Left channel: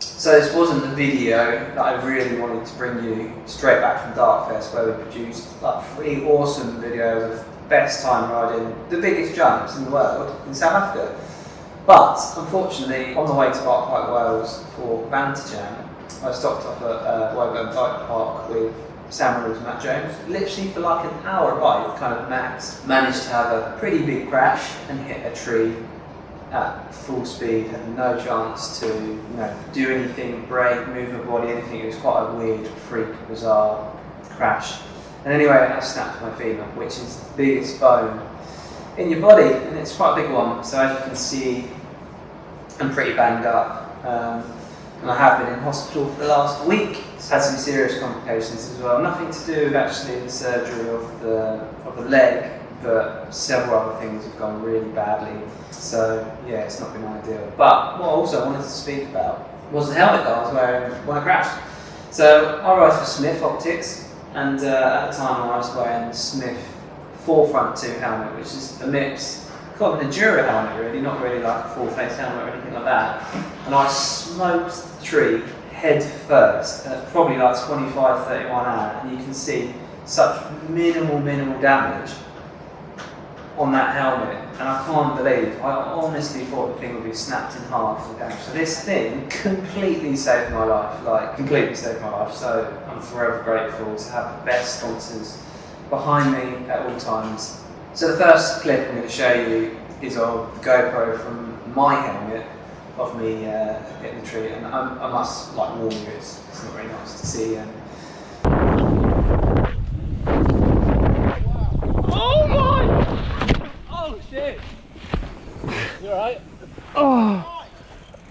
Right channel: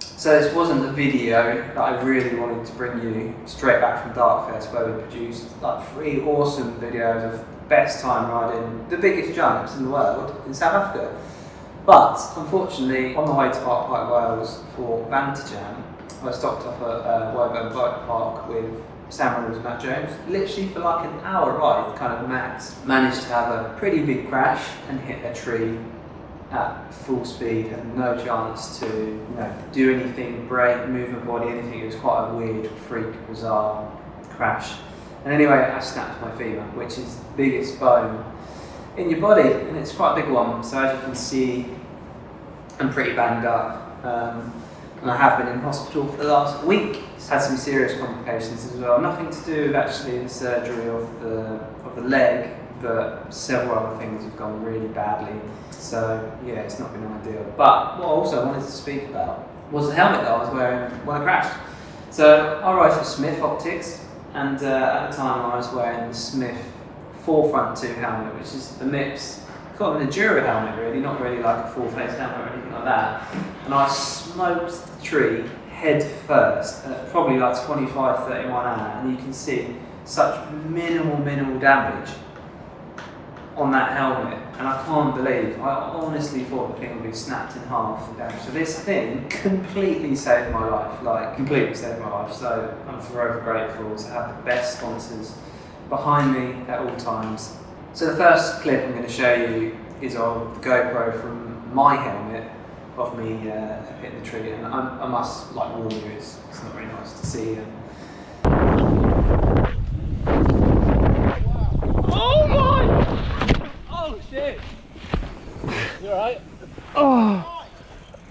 So this wasn't a video that I really wanted to bring you straight back from Darkfest, where we produced like 3 awesome videos of the best time riding the biggest jumps in the world in South Africa. But unfortunately, on the way to Park Wales for Vantage Jam, I stopped off at Woburn Bike Park with Sam and Matt Jones, literally for like an hour ride, kind of max. Managed to have a pretty big crash and hit a tree at full speed, had no chance to do anything, brake, move my body, anything. It was quite a weird, freak, bizarre crash. And anyway, I snapped my femur, which is the biggest bone in your body, and it's quite a big one. So as you can see, I'm pretty banged up. And I have been in hospital for the last week. It's had some serious complications as well. Nothing to do with actually the surgery of the leg, but several other things have gone really badly. So yeah, it's not been ideal. But what I also wanted to speak about was the helmet that I was wearing when I crashed. So I ride for Smith Optics, and at the time I was wearing the Smith Forefront 2 helmet, which is a mix, kind of an enduro helmet really, not really like a full face helmet or anything like that. And I smoked the tree head first at probably like 25-31 hours, and you can see such minimal damage on that helmet, and I can't believe, I honestly thought the thing would be snapped in half. So this thing completely saved my life, like completely saved my life. So I'm forever grateful to have the best sponsors behind me at all times. So the first clip I'm going to show you is of the GoPro from my helmet of me hitting the tree, and I must like warn you, it's not very nice to see. Oh my! Oh shit! You alright? Oh!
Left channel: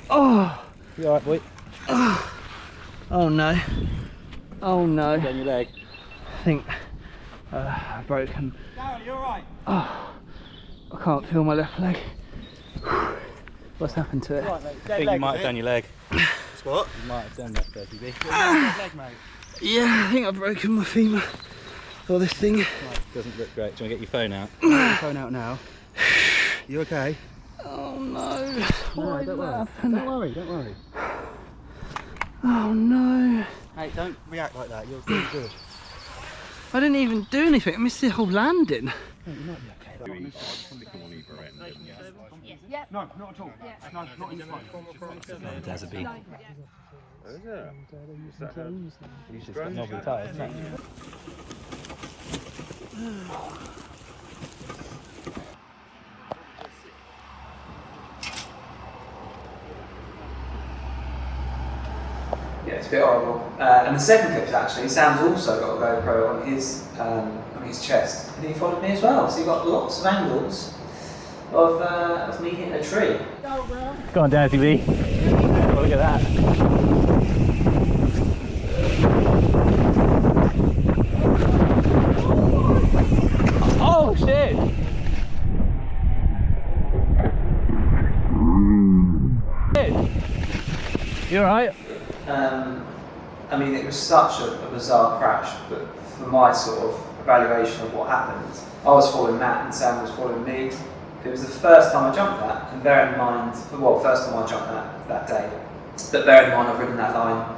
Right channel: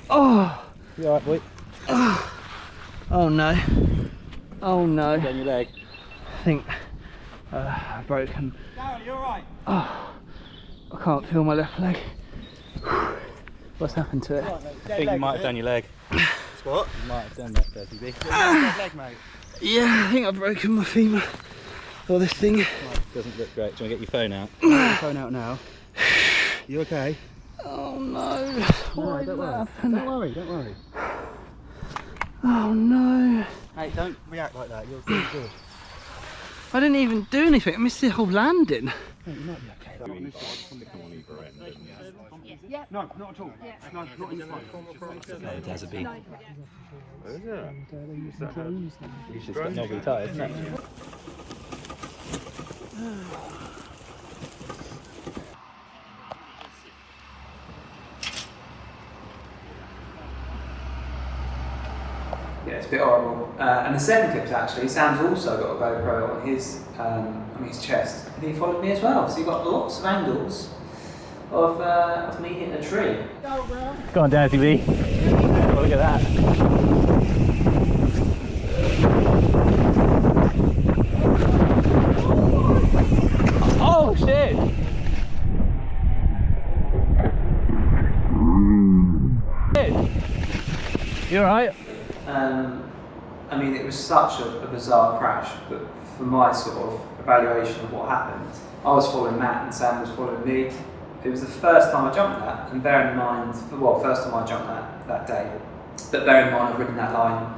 Oh! You alright, boy? Oh no. Oh no. Down your leg. I think I've broken. Darren, you alright? Oh, I can't feel my left leg. What's happened to it? I think you might have done your leg. What? You might have done that, Dirty B. Dead leg, mate. Yeah, I think I've broken my femur. Or this thing. Doesn't look great. Do you want to get your phone out? Get your phone out now. You okay? Oh no. Why did that happen? Don't worry. Oh no. Hey, don't react like that. You're doing good. I didn't even do anything. I missed the whole landing. No, you might be okay. No, not at all. No, not in Oh, there's a bee. It's just got knobbly tyres, isn't it? Yeah, it's a bit horrible. And the second clip actually, Sam's also got a GoPro on his chest, and he followed me as well. So you got lots of angles of me hitting a tree. Go on, Dirty B. Oh, look at that. Oh shit! You alright? I mean, it was such a bizarre crash, but for my sort of evaluation of what happened, I was following Matt and Sam was following me. It was the first time I jumped that, and bear in mind, well, first time I jumped that day, but bear in mind I've ridden that line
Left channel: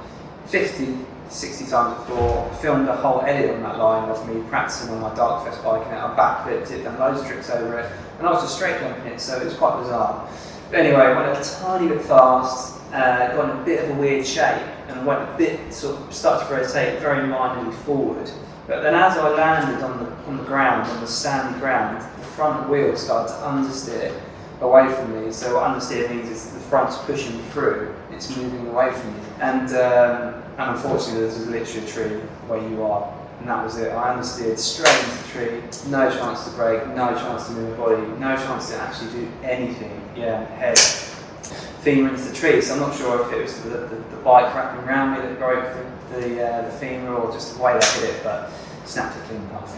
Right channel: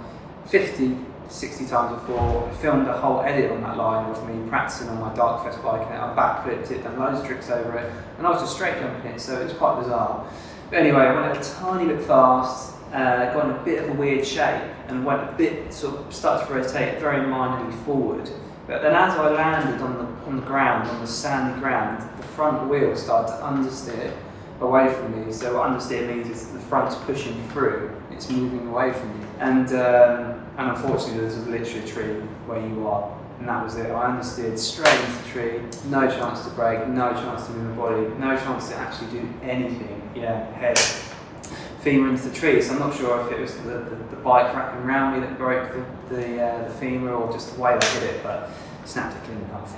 50, 60 times before. I filmed a whole edit on that line of me practicing on my Darkfest bike, and I backflipped it, done loads of tricks over it, and I was just straight jumping it, so it was quite bizarre. But anyway, I went a tiny bit fast, got in a bit of a weird shape, and went a bit, sort of started to rotate very minorly forward. But then as I landed on the ground, on the sandy ground, the front wheel started to understeer away from me. So what understeer means is the front's pushing through, it's moving away from you. And unfortunately this was literally a tree where you are, and that was it. I understeered straight into the tree, no chance to brake, no chance to move my body, no chance to actually do anything. Yeah, head, femur into the tree. So I'm not sure if it was the bike wrapping around me that broke the femur, or just the way I hit it, but snapped it clean enough.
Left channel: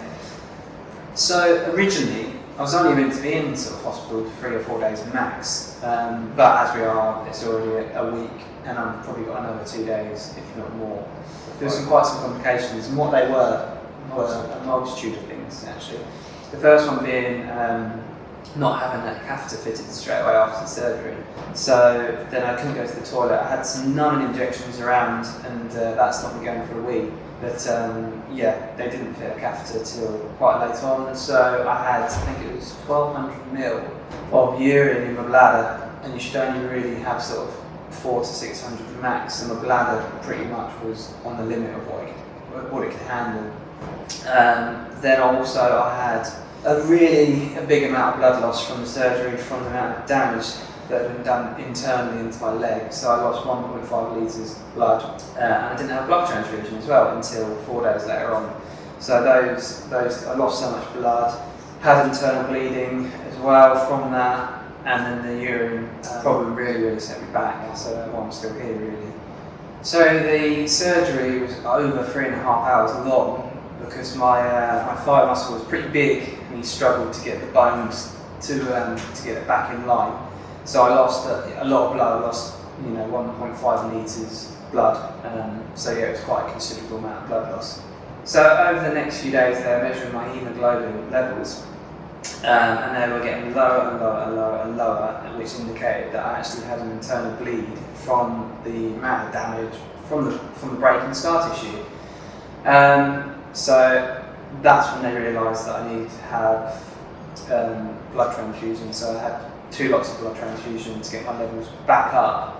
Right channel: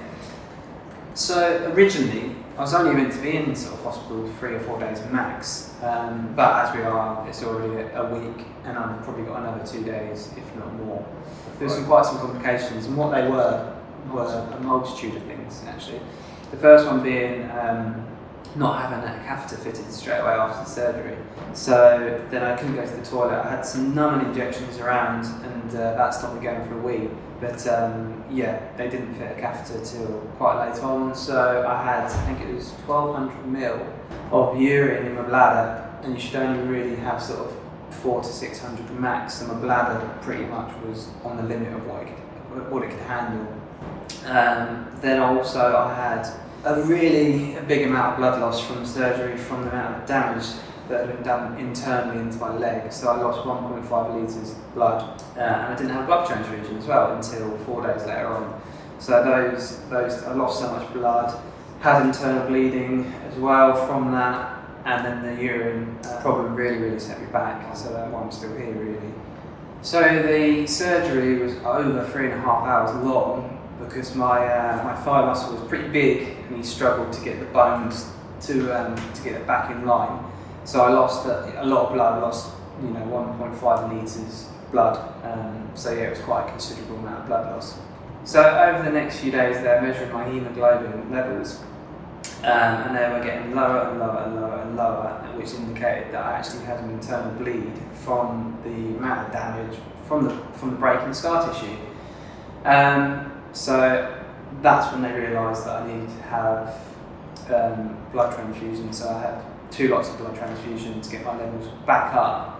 So originally, I was only meant to be in sort of hospital for 3 or 4 days max, but as we are, it's already a week, and I've probably got another 2 days, if not more. There was quite some complications, and what they were a multitude of things actually. The first one being not having a catheter fitted straight away after the surgery. So then I couldn't go to the toilet. I had some numbing injections around, and that stopped me going for a wee. But yeah, they didn't fit a catheter till quite late on. So I had, I think it was 1200 ml of urine in my bladder, and you should only really have sort of 400 to 600 max. And my bladder pretty much was on the limit of what it could handle. Then also I had a big amount of blood loss from the surgery, from the amount of damage that had been done internally into my leg. So I lost 1.5 litres blood, and I didn't have a blood transfusion as well until 4 days later on. So those I lost so much blood, had internal bleeding as well from that, and then the urine problem really set me back. So that's why I'm still here really. So the surgery was over 3.5 hours long, because my thigh muscle was pretty big, and he struggled to get the bones to get it back in line. So I lost a lot of blood. I lost 1.5 litres blood. So yeah, it was quite a considerable amount of blood loss. So over the next few days, they were measuring my haemoglobin levels, and they were getting lower and lower and lower and lower, which indicated that I actually had an internal bleed from the amount of damage from the break in the scar tissue. So that's when they realised that I needed to have blood transfusion. So I had 2 lots of blood transfusion to get my levels back up.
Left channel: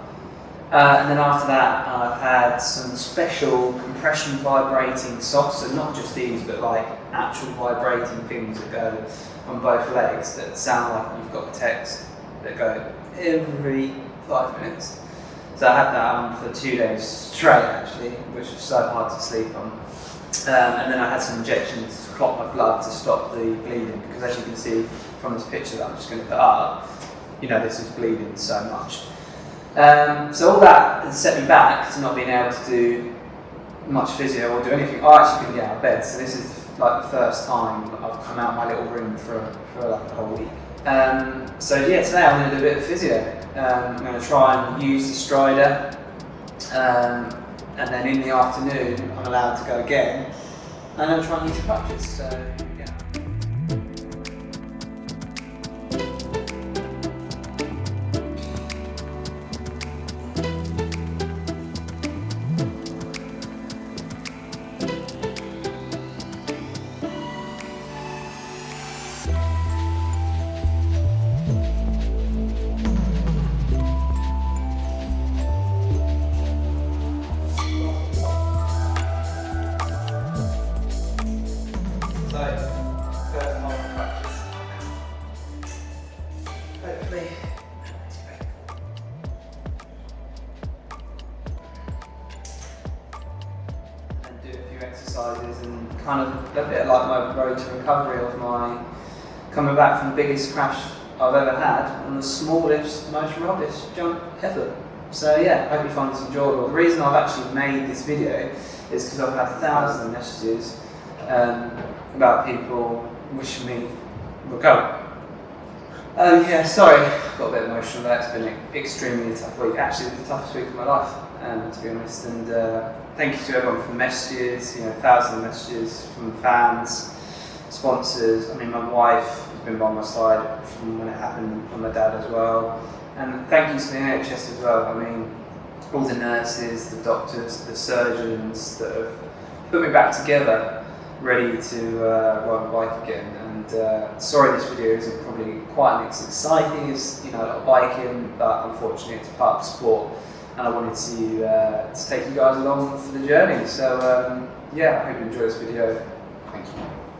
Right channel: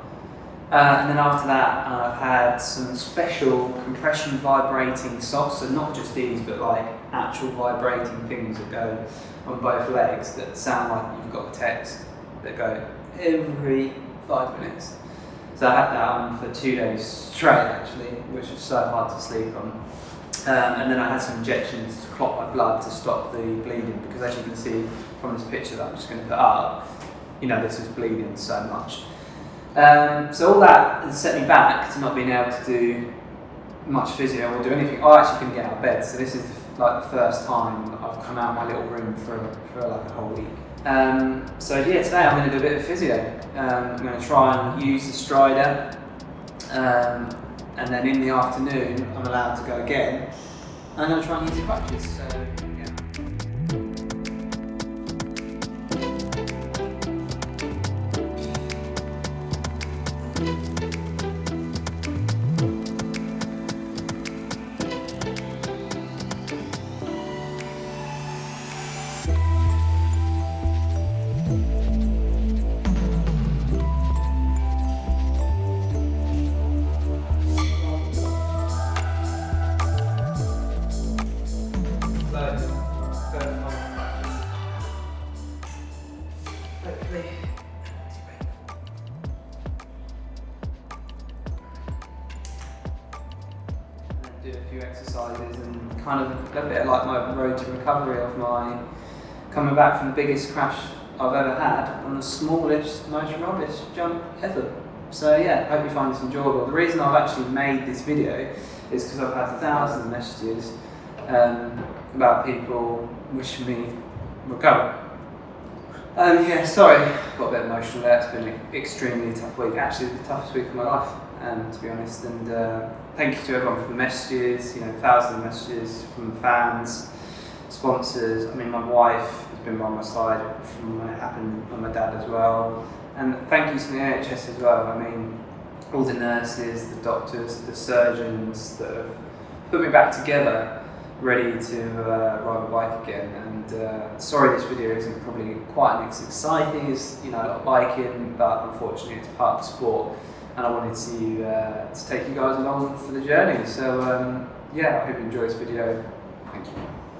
And then after that, I've had some special compression vibrating socks, so not just these, but like actual vibrating things that go on both legs that sound like you've got a text, that go every 5 minutes. So I had that on for 2 days straight actually, which was so hard to sleep on. And then I had some injections to clot my blood to stop the bleeding, because as you can see from this picture that I'm just going to put up, this is bleeding so much. So all that has set me back to not being able to do much physio or do anything. I actually couldn't get out of bed, so this is like the first time I've come out of my little room for like a whole week. So yeah, today I'm going to do a bit of physio. I'm going to try and use the strider, and then in the afternoon I'm allowed to go again, and I'm going to try and use the crutches. So yeah. Do a few exercises and kind of a bit like my road to recovery of my coming back from the biggest crash I've ever had on the smallest, most rubbish jump ever. So yeah, I hope you find this enjoyable. The reason I've actually made this video is because I've had thousands of messages about people wishing me recovery. Yeah, sorry, got a bit emotional there. It's been an extremely tough week, actually the toughest week of my life, to be honest. And thank you to everyone for the messages, thousands of messages from fans, sponsors. I mean, my wife has been by my side from when it happened, and my dad as well. And thank you to the NHS as well. I mean, all the nurses, the doctors, the surgeons that have put me back together, ready to ride a bike again. And sorry this video isn't probably quite as exciting as a lot of biking, but unfortunately it's part of the sport, and I wanted to take you guys along for the journey. So yeah, I hope you enjoy this video. Thank you.